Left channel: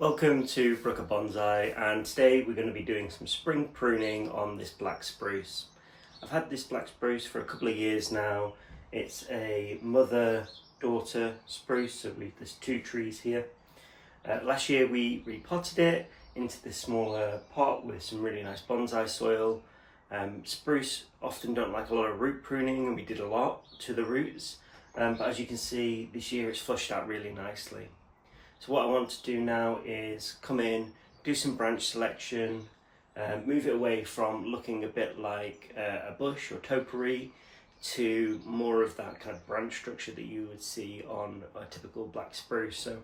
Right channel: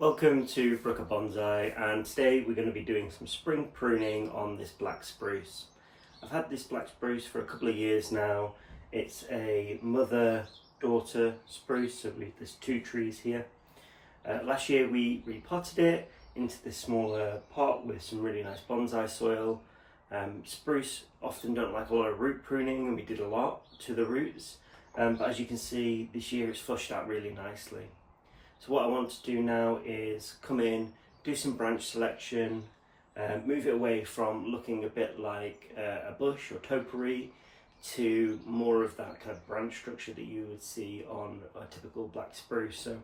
Welcome to Spruce Bonsai, and today we're going to be doing some spring pruning on this black spruce. I've had this black spruce for a couple of years now. It's a mother-daughter spruce, so there's two trees here. Last year we repotted it into this smaller pot with some really nice bonsai soil. Spruce often don't like a lot of root pruning, and we did a lot to the roots, but as you can see this year it's flushed out really nicely. So what I want to do now is come in, do some branch selection, move it away from looking a bit like a bush or topiary to more of that kind of branch structure that you would see on a typical black spruce. So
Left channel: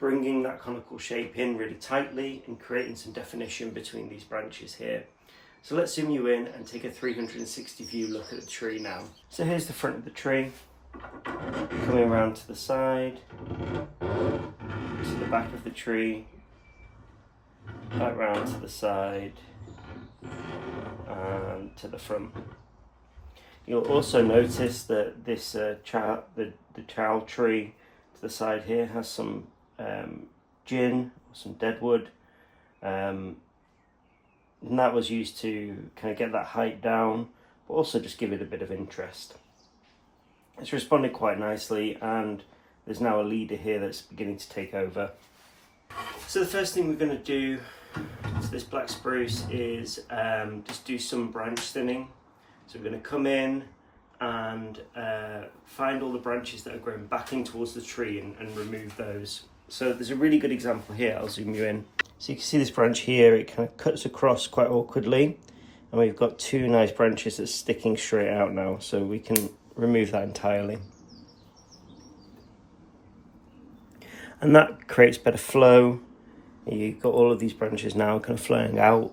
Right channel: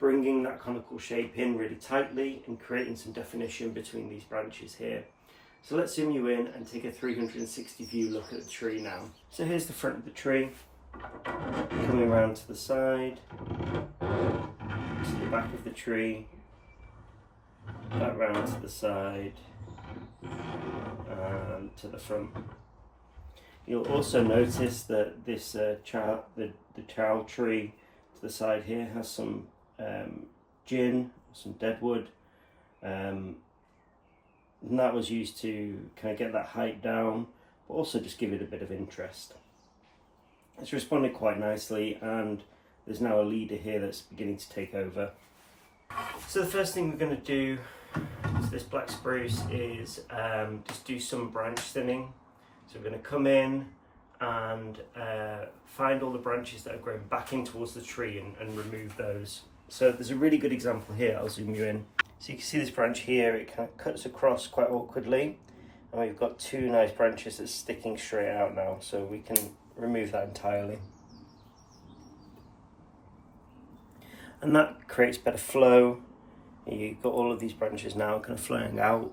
bringing that conical shape in really tightly and creating some definition between these branches here. So let's zoom you in and take a 360 view look at the tree now. So here's the front of the tree, coming around to the side, to the back of the tree, back round to the side, and to the front. You'll also notice that this the child tree to the side here has some gin, some dead wood, and that was used to kind of get that height down, but also just give it a bit of interest. It's responded quite nicely, and there's now a leader here that's beginning to take over. So the first thing we're going to do to this black spruce is just do some branch thinning. So we're going to come in and find all the branches that are growing back in towards the tree and remove those. So there's a really good example here. I'll zoom you in. So you can see this branch here, it kind of cuts across quite awkwardly, and we've got two nice branches that's sticking straight out now, so we can remove that entirely. And that creates better flow. You've got all of these branches now kind of flowing out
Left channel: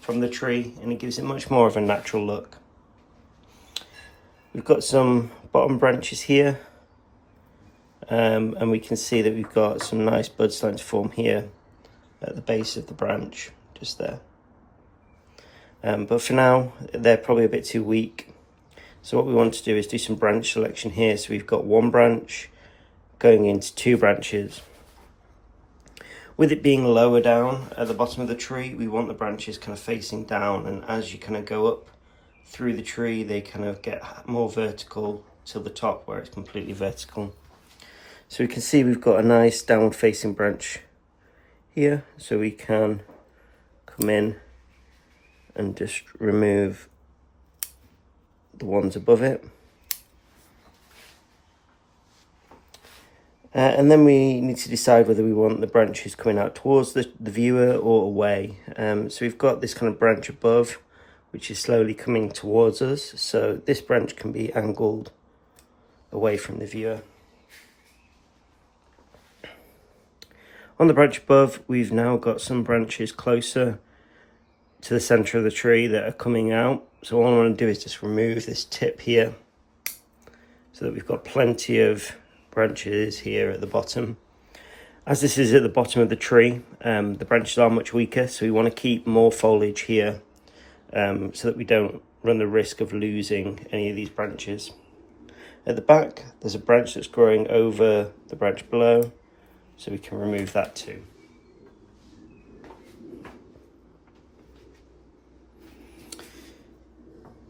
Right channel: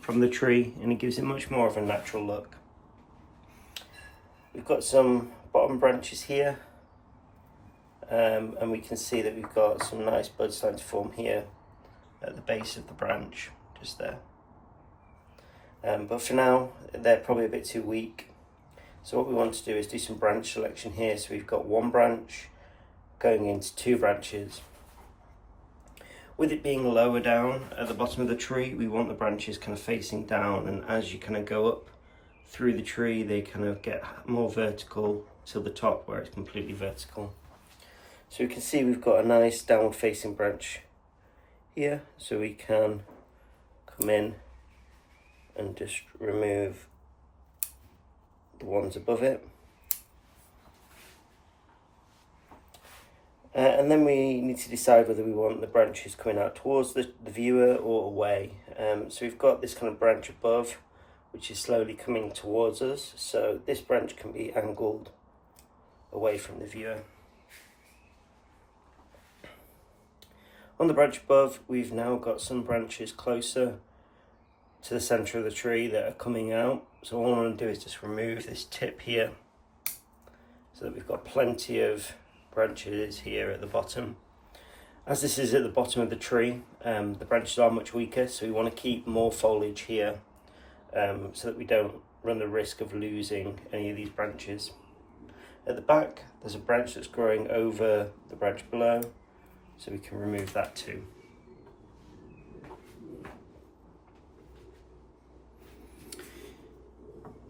from the tree, and it gives it much more of a natural look. We've got some bottom branches here, and we can see that we've got some nice buds starting to form here at the base of the branch, just there. But for now, they're probably a bit too weak. So what we want to do is do some branch selection here. So we've got one branch going into two branches. With it being lower down at the bottom of the tree, we want the branches kind of facing down, and as you kind of go up through the tree, they kind of get more vertical to the top where it's completely vertical. So we can see we've got a nice downward facing branch here, so we can come in and just remove the ones above it. And then we need to decide whether we want the branches coming out towards the viewer or away. So we've got this kind of branch above, which is slowly coming towards us. So this branch can be angled away from the viewer. On the branch above, we've now got some branches closer to the center of the tree that are coming out. So all I want to do is just remove this tip here so that we've got plenty of branches here at the bottom. As this is at the bottom of the tree, the branches are much weaker, so we want to keep more foliage here so that we don't run the risk of losing any of these branches. At the back, there's a branch that's growing over the branch below, so we can remove that too.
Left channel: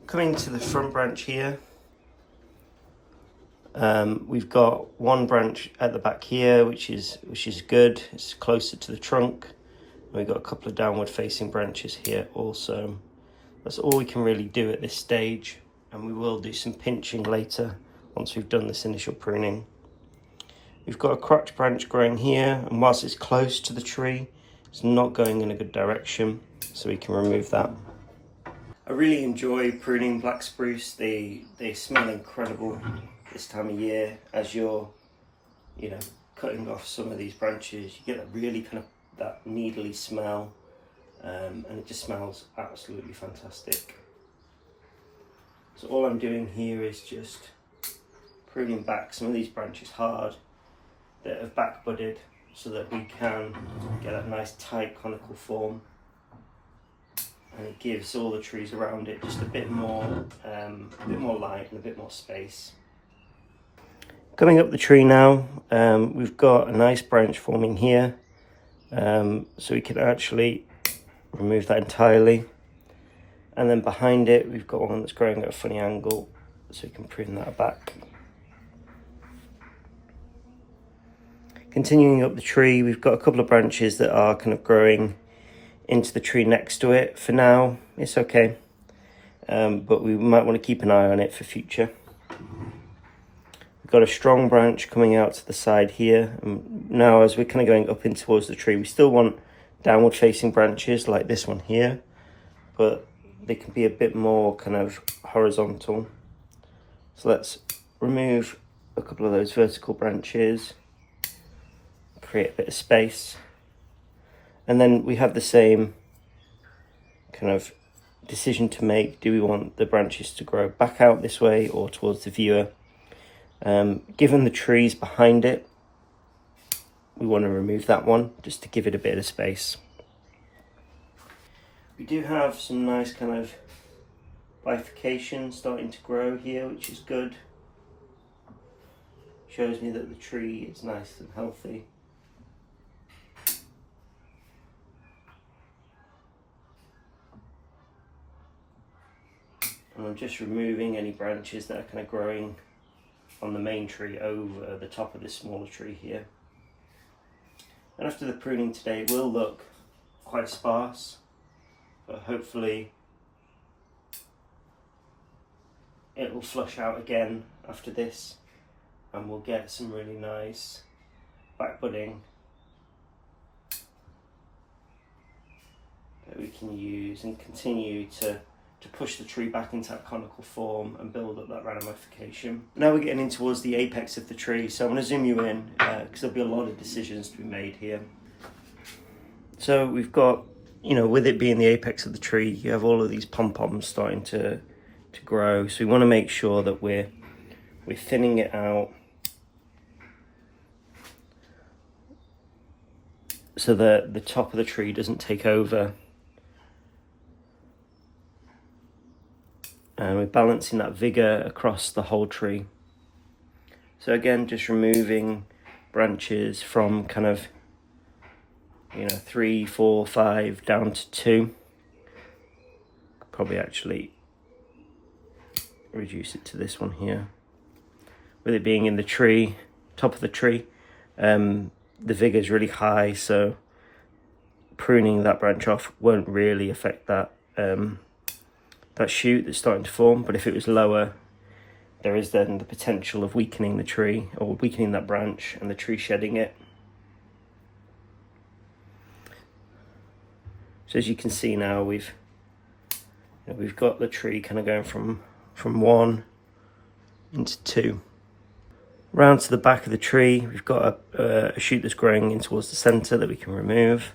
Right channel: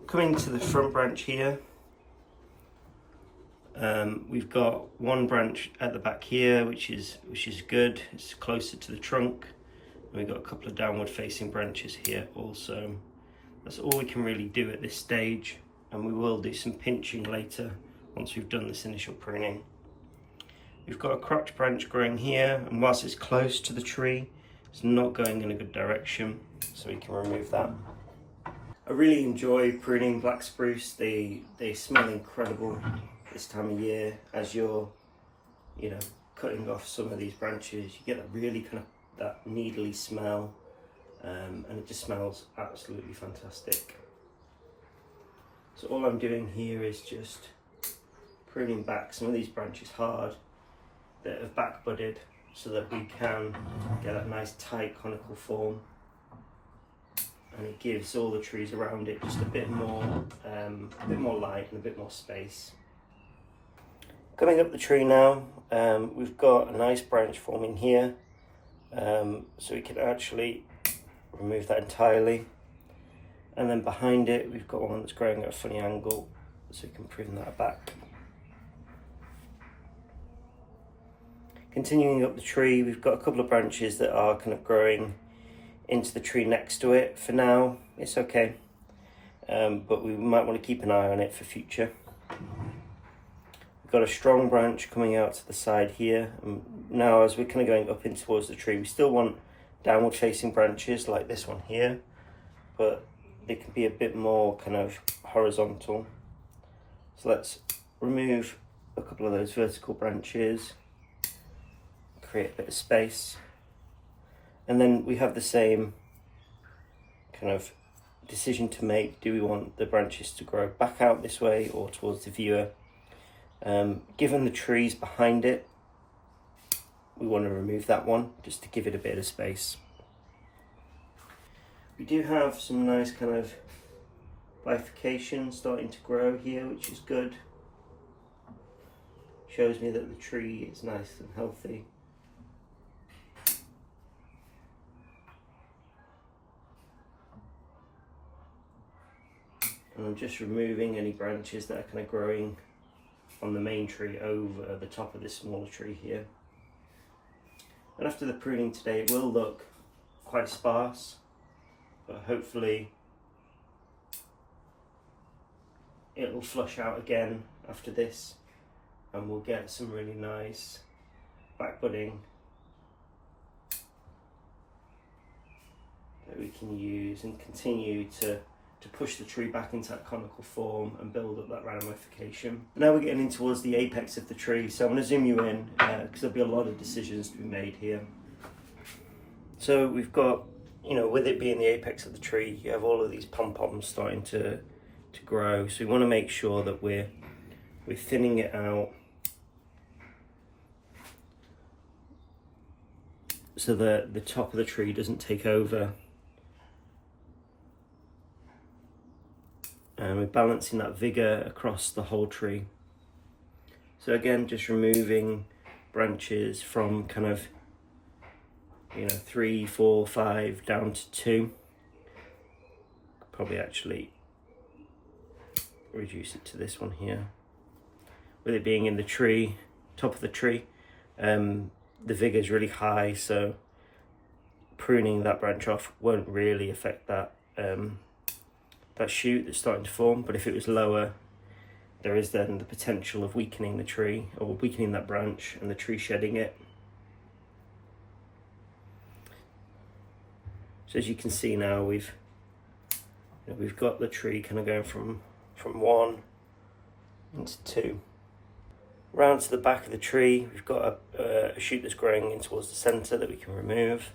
Coming to the front branch here, we've got one branch at the back here, which is good. It's closer to the trunk. And we've got a couple of downward facing branches here also. That's all we can really do at this stage, and we will do some pinching later once we've done this initial pruning. We've got a crotch branch growing here, and whilst it's close to the tree, it's not going in a good direction, so we can remove that. I really enjoy pruning black spruce. They smell incredible this time of year. As you're, cutting off some of these branches, you get that really kind of that needly smell, and it just smells absolutely fantastic. So all I'm doing here is just pruning back some of these branches hard that have back budded, so that we can get that nice tight conical form. And it gives all the trees around it just a bit more light and a bit more space. Coming up the tree now, we've got a nice branch forming here, So we can actually remove that entirely. And then behind it, we've got one that's growing at a funny angle, so we can prune that back. Continuing up the tree, we've got a couple of branches that are kind of growing into the tree next to it. For now, it's okay, but we might want to keep an eye on it for future. We've got a strong branch coming out to the side here. And now as we're kind of going up in towards the tree, we still want downward facing branches like this one here, but they can be a bit more kind of horizontal. So let's remove a couple of those vertical branches, create a bit of space. And then we have the same kind of decision to make. Do we want the branches to grow back out this way or towards the viewer? Given the trees behind it, we want to remove that one just to give it a bit of space. We do have some nice kind of bifurcation starting to grow here, which is good. Shows me that the tree is nice and healthy. And I'm just removing any branches that are kind of growing on the main tree over the top of this smaller tree here. And after the pruning today, it will look quite sparse, but hopefully it will flush out again after this, and we'll get some really nice back budding that we can use and continue to push the tree back into that conical form and build up that ramification. Now we're getting in towards the apex of the tree, so I'm going to zoom you in because there'll be a lot of decisions to be made here. So we've got, with it being the apex of the tree, you have all of these pom-poms starting to grow, so we want to make sure that we're thinning it out so that the top of the tree doesn't take over. And we're balancing that vigor across the whole tree. So again, just removing branches from kind of 3, 4, 5 down to 2. Probably actually reduce it to this one here. With it being in the tree, top of the tree, the vigor is really high, so pruning that branch off won't really affect that that shoot that's starting to form. But if it was lower, there is then the potential of weakening the tree or weakening that branch and the tree shedding it. So as you can see now, we've got the tree kind of going from 1 into 2. Round to the back of the tree, we've got a shoot that's growing in towards the centre that we can remove.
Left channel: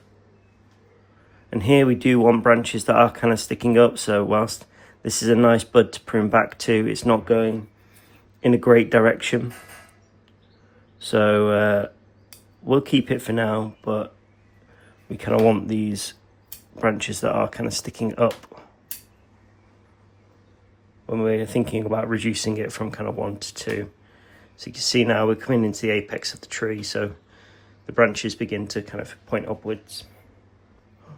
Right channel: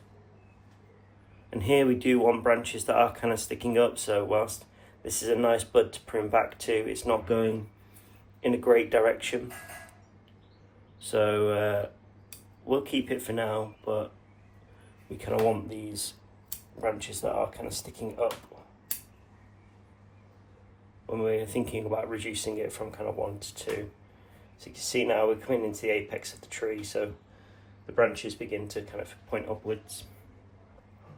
And here we do want branches that are kind of sticking up, so whilst this is a nice bud to prune back to, it's not going in a great direction. So we'll keep it for now, but we kind of want these branches that are kind of sticking up when we're thinking about reducing it from kind of 1 to 2. So you can see now we're coming into the apex of the tree, so the branches begin to kind of point upwards.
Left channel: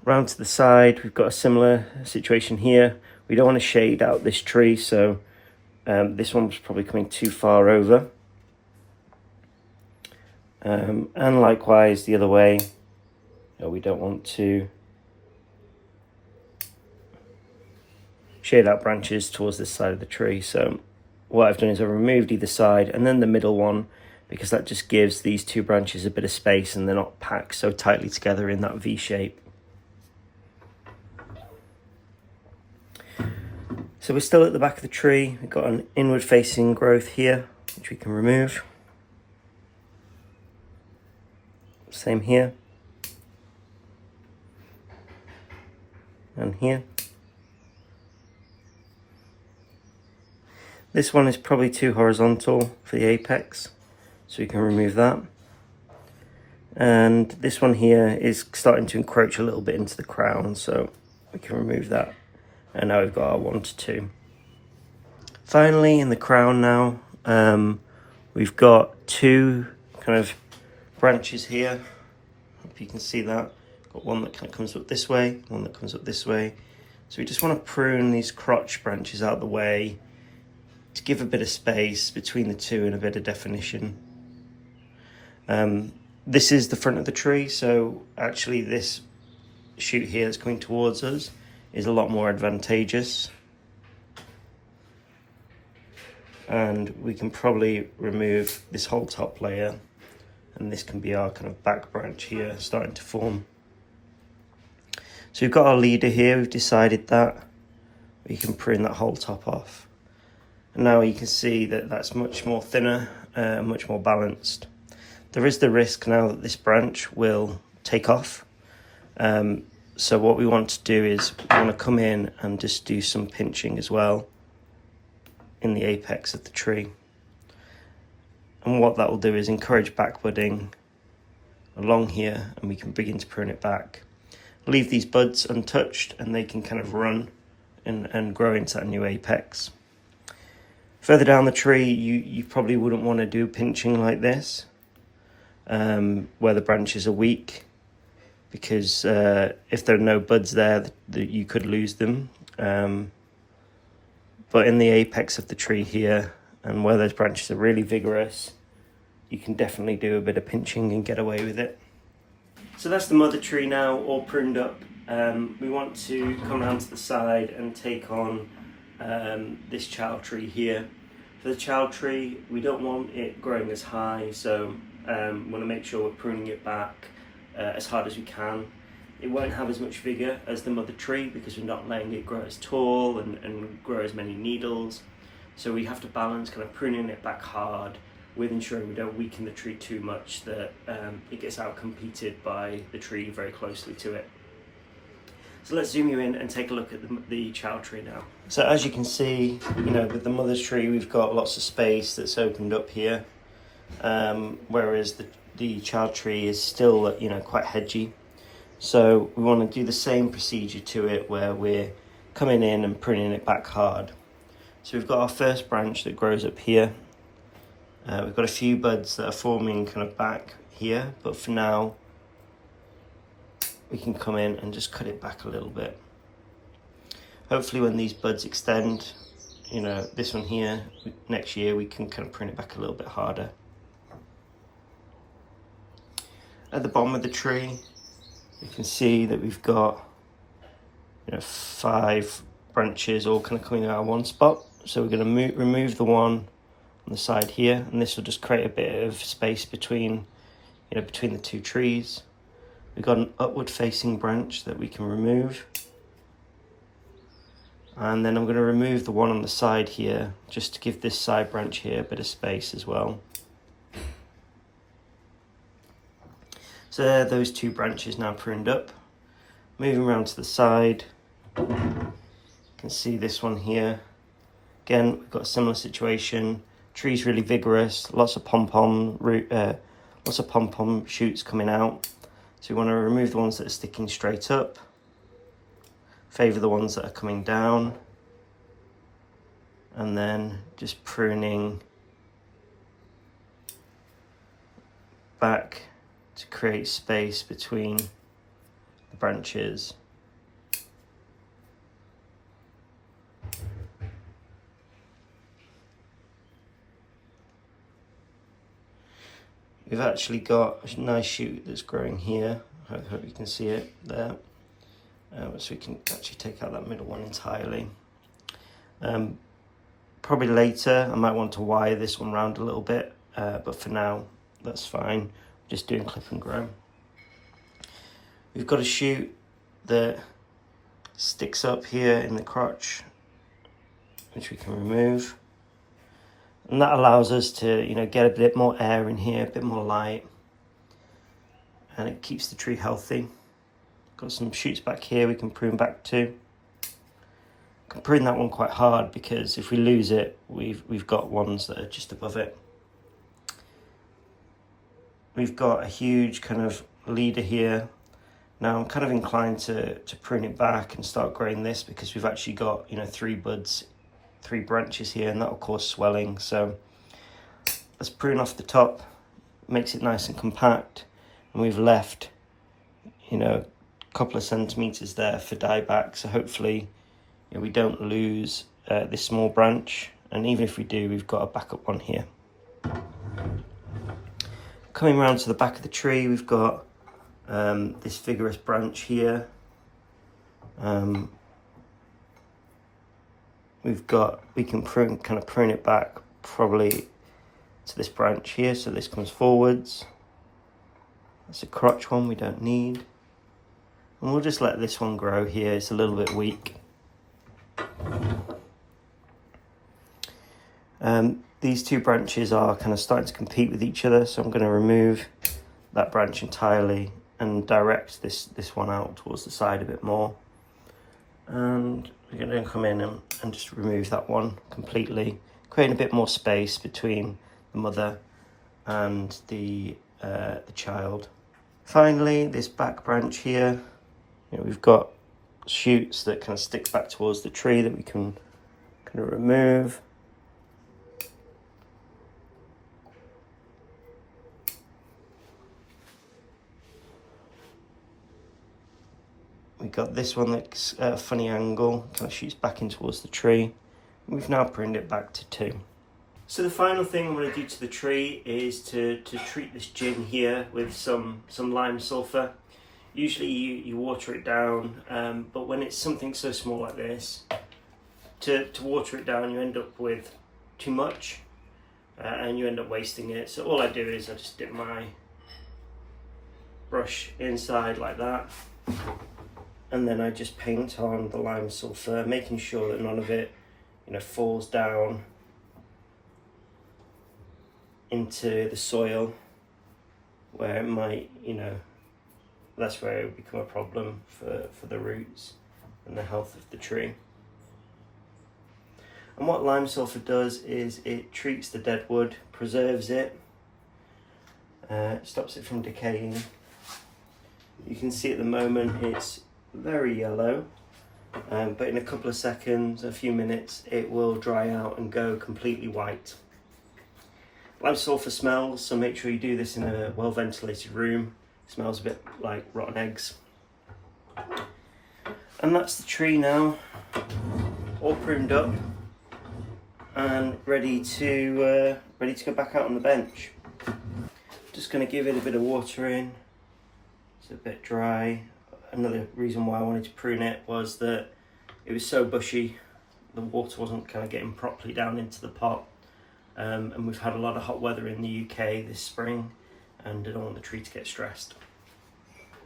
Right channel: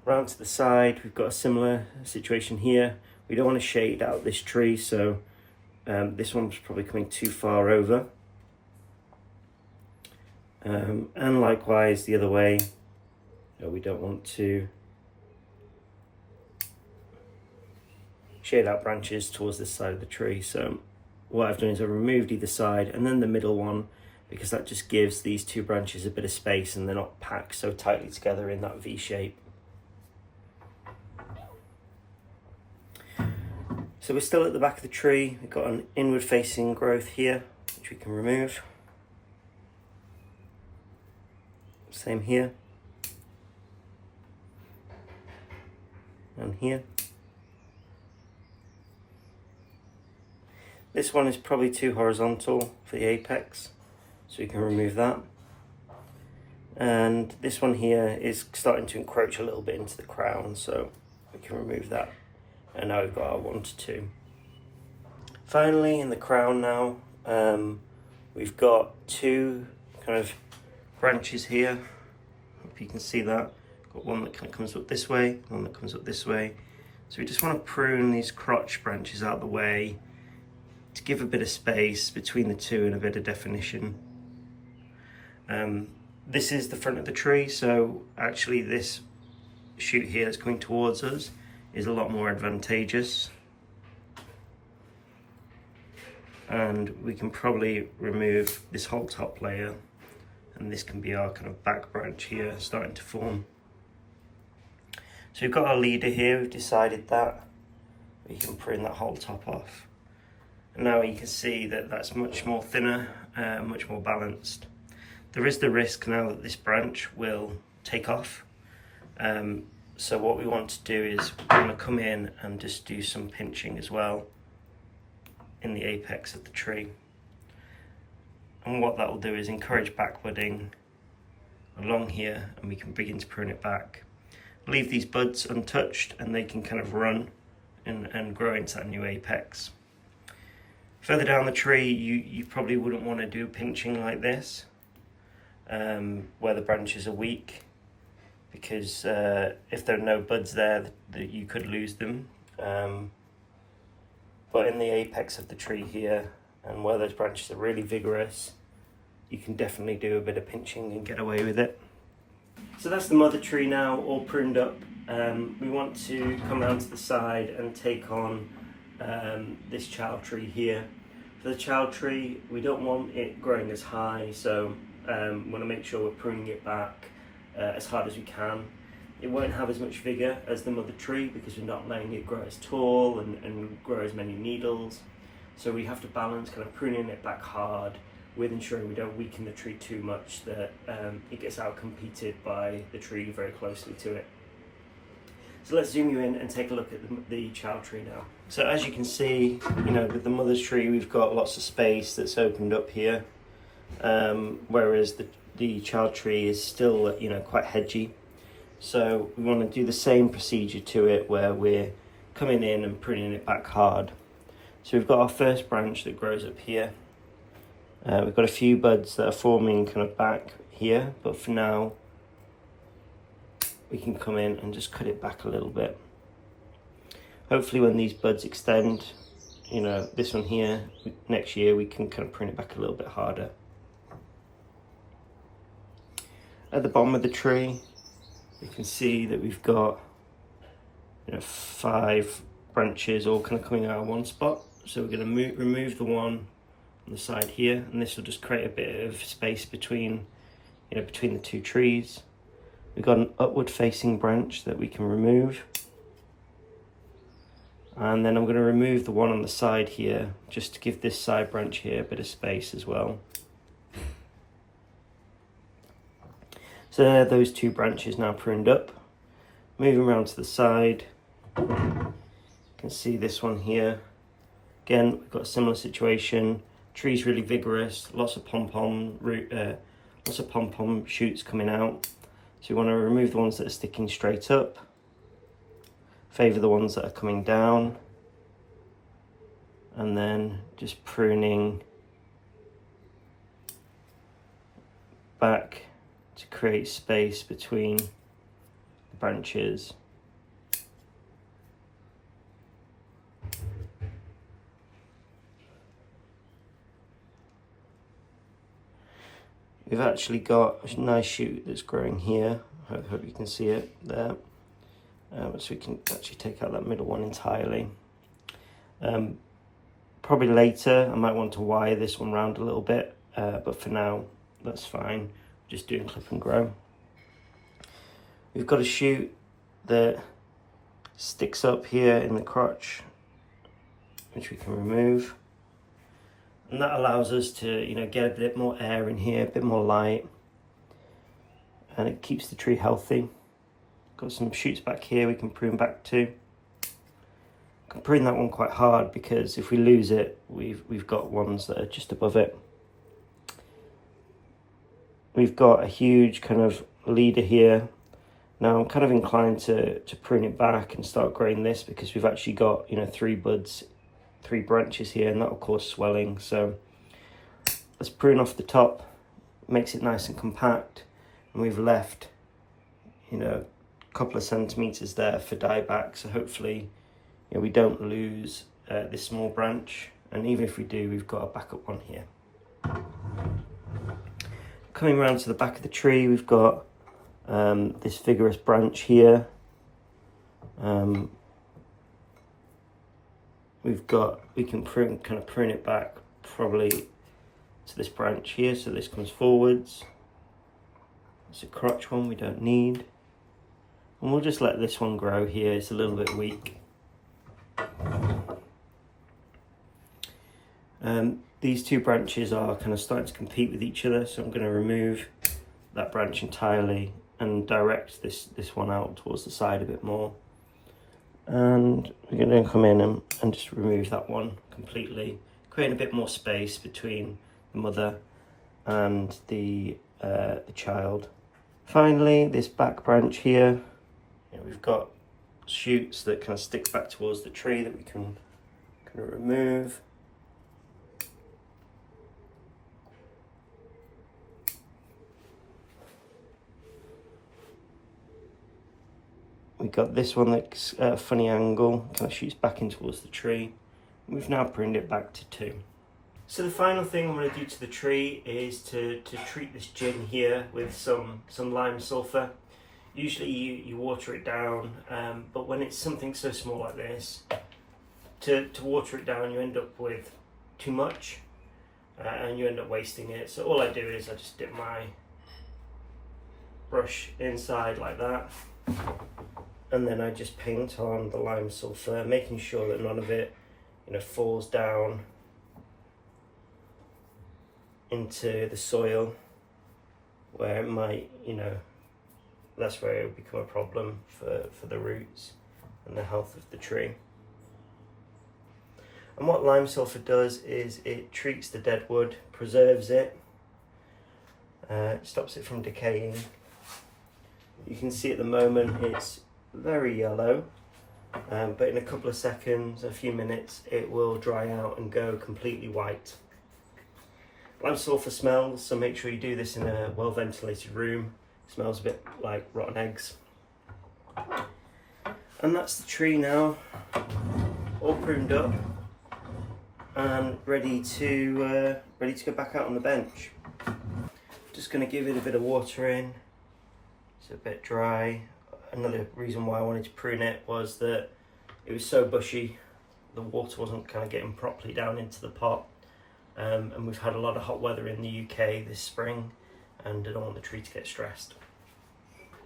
Round to the side, we've got a similar situation here. We don't want to shade out this tree, so this one's probably coming too far over. And likewise the other way, we don't want to shade out branches towards this side of the tree. So what I've done is I've removed either side and then the middle one, because that just gives these two branches a bit of space and they're not packed so tightly together in that V shape. So we're still at the back of the tree. We've got an inward facing growth here, which we can remove. Same here. And here. This one is probably too horizontal for the apex, so we can remove that. And this one here is starting to encroach a little bit into the crown, so we can remove that. And now we've got our 1 to 2. Finally, in the crown now, we've got 2 kind of branches here. Hope you can see that. Got one that kind of comes up this way, one that comes up this way. So we just want to prune these crotch branches out of the way to give a bit of space between the two and a bit of definition. This is the front of the tree, so actually this shoot here that's coming towards us is a lot more advantageous. And we can probably remove this whole top layer, and this can be our kind of back branch here starting to form. So we've got our leader here, we've decided that. We can prune that whole top off. And now you can see that that's much more thinner, much more balanced. There is the risk now that this branch will take off. So what we want to do is we want to come in and just do some pinching as well in the apex of the tree. And what that will do is encourage back budding along here, and we can begin to prune it back. Leave these buds untouched and they can kind of run and grow into that new apex. Further down the tree, you probably wouldn't want to do pinching like this, where the branches are weak, because if there are no buds there, you could lose them. But in the apex of the tree here, and where those branches are really vigorous, you can definitely do a bit of pinching and get away with it. So that's the mother tree now, all pruned up. We want to come around to the side and take on this child tree here. For the child tree, we don't want it growing as high, so we want to make sure we're pruning it back as hard as we can. It won't have as much vigour as the mother tree because we're not letting it grow as tall and grow as many needles. So we have to balance kind of pruning it back hard with ensuring we don't weaken the tree too much that it gets out-competed by the tree very closely to it. So let's zoom you in and take a look at the child tree now. So as you can see, with the mother's tree, we've got lots of space that's opened up here, whereas the child tree is still, quite hedgy. So we want to do the same procedure to it where we're coming in and pruning it back hard. So we've got our first branch that grows up here. We've got a few buds that are forming kind of back here, but for now we can come in and just cut it back a little bit. Hopefully when these buds extend, this one here, next year we can kind of prune it back a little bit harder. At the bottom of the tree, you can see that we've got 5 branches all kind of coming out of one spot. So we're going to remove the one on the side here, and this will just create a bit of space between the two trees. We've got an upward facing branch that we can remove, and then I'm going to remove the one on the side here just to give this side branch here a bit of space as well. So there are those 2 branches now pruned up. Moving around to the side, you can see this one here. Again, we've got a similar situation. Tree's really vigorous, lots of pom-pom shoots coming out. So we want to remove the ones that are sticking straight up, favour the ones that are coming down, and then just pruning back to create space between the branches. We've actually got a nice shoot that's growing here. I hope you can see it there. So we can actually take out that middle one entirely. Probably later I might want to wire this one round a little bit, but for now that's fine. Just doing clip and grow. We've got a shoot that sticks up here in the crotch, which we can remove. And that allows us to, get a bit more air in here, a bit more light. And it keeps the tree healthy. Got some shoots back here we can prune back to. Can prune that one quite hard because if we lose it, we've got ones that are just above it. We've got a huge kind of leader here. Now I'm kind of inclined to prune it back and start growing this because we've actually got 3 buds, 3 branches here, and that will cause swelling. So let's prune off the top, makes it nice and compact, and we've left a couple of centimeters there for dieback, so hopefully we don't lose this small branch, and even if we do, we've got a backup one here. Coming around to the back of the tree, we've got this vigorous branch here. We can prune it back probably to this branch here, so this comes forwards. It's a crotch one we don't need, and we'll just let this one grow here. It's a little bit weak. These two branches are kind of starting to compete with each other, so I'm going to remove that branch entirely and direct this one out towards the side a bit more. And we're going to come in and just remove that one completely, creating a bit more space between the mother and the child. Finally, this back branch here, we've got shoots that kind of stick back towards the tree that we can kind of remove. We've got this one that's at a funny angle, kind of shoots back in towards the tree. We've now pruned it back to 2. So the final thing I'm going to do to the tree is to treat this gin here with some lime sulphur. Usually you water it down, but when it's something so small like this, to water it down you end up with too much, and you end up wasting it. So all I do is I just dip my brush inside like that, and then I just paint on the lime sulphur, making sure that none of it falls down into the soil where it might, that's where it will become a problem for the roots and the health of the tree. And what lime sulphur does is it treats the dead wood, preserves it, stops it from decaying. You can see at the moment it's very yellow, but in a couple of seconds, a few minutes, it will dry out and go completely white. Lime sulphur smells, so make sure you do this in a well ventilated room. It smells a bit like rotten eggs. And that's the tree now, all pruned up and ready to go back out on the bench. Just going to give it a bit of water in. It's a bit dry. Another reason why I wanted to prune it was that it was so bushy, the water wasn't kind of getting properly down into the pot, and we've had a lot of hot weather in the UK this spring, and I don't want the tree to get stressed.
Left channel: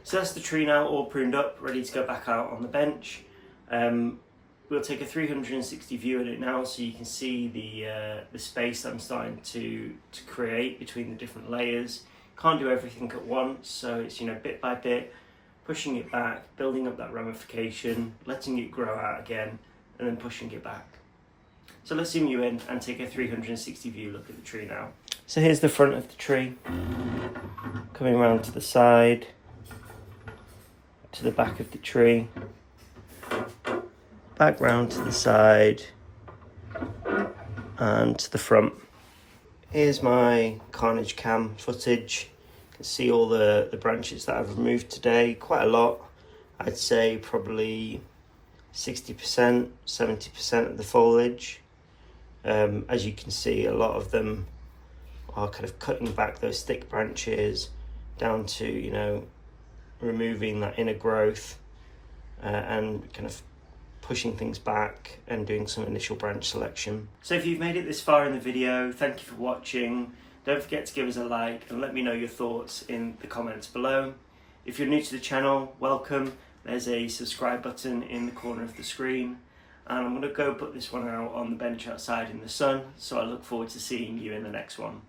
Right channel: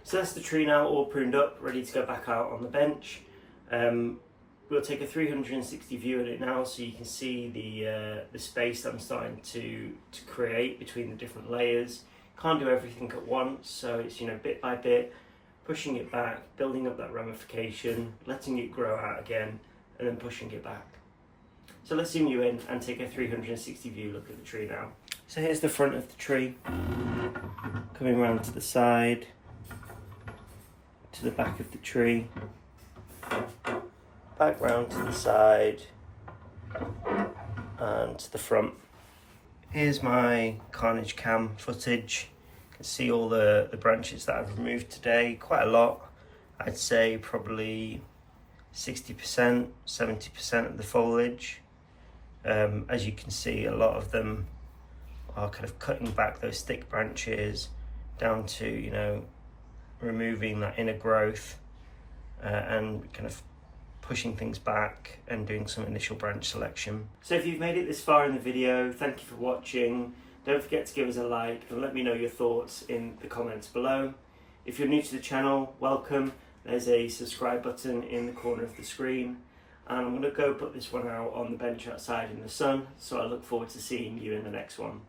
So that's the tree now, all pruned up, ready to go back out on the bench. We'll take a 360 view at it now, so you can see the space I'm starting to create between the different layers. Can't do everything at once, so it's bit by bit, pushing it back, building up that ramification, letting it grow out again, and then pushing it back. So let's zoom you in and take a 360 view look at the tree now. So here's the front of the tree, coming around to the side, to the back of the tree, back round to the side, and to the front. Here's my carnage cam footage. You can see all the branches that I've removed today, quite a lot. I'd say probably 60%, 70% of the foliage. As you can see, a lot of them are kind of cutting back those thick branches down to, removing that inner growth, and kind of pushing things back and doing some initial branch selection. So if you've made it this far in the video, thank you for watching. Don't forget to give us a like and let me know your thoughts in the comments below. If you're new to the channel, welcome. There's a subscribe button in the corner of the screen, and I'm going to go put this one out on the bench outside in the sun, so I look forward to seeing you in the next one.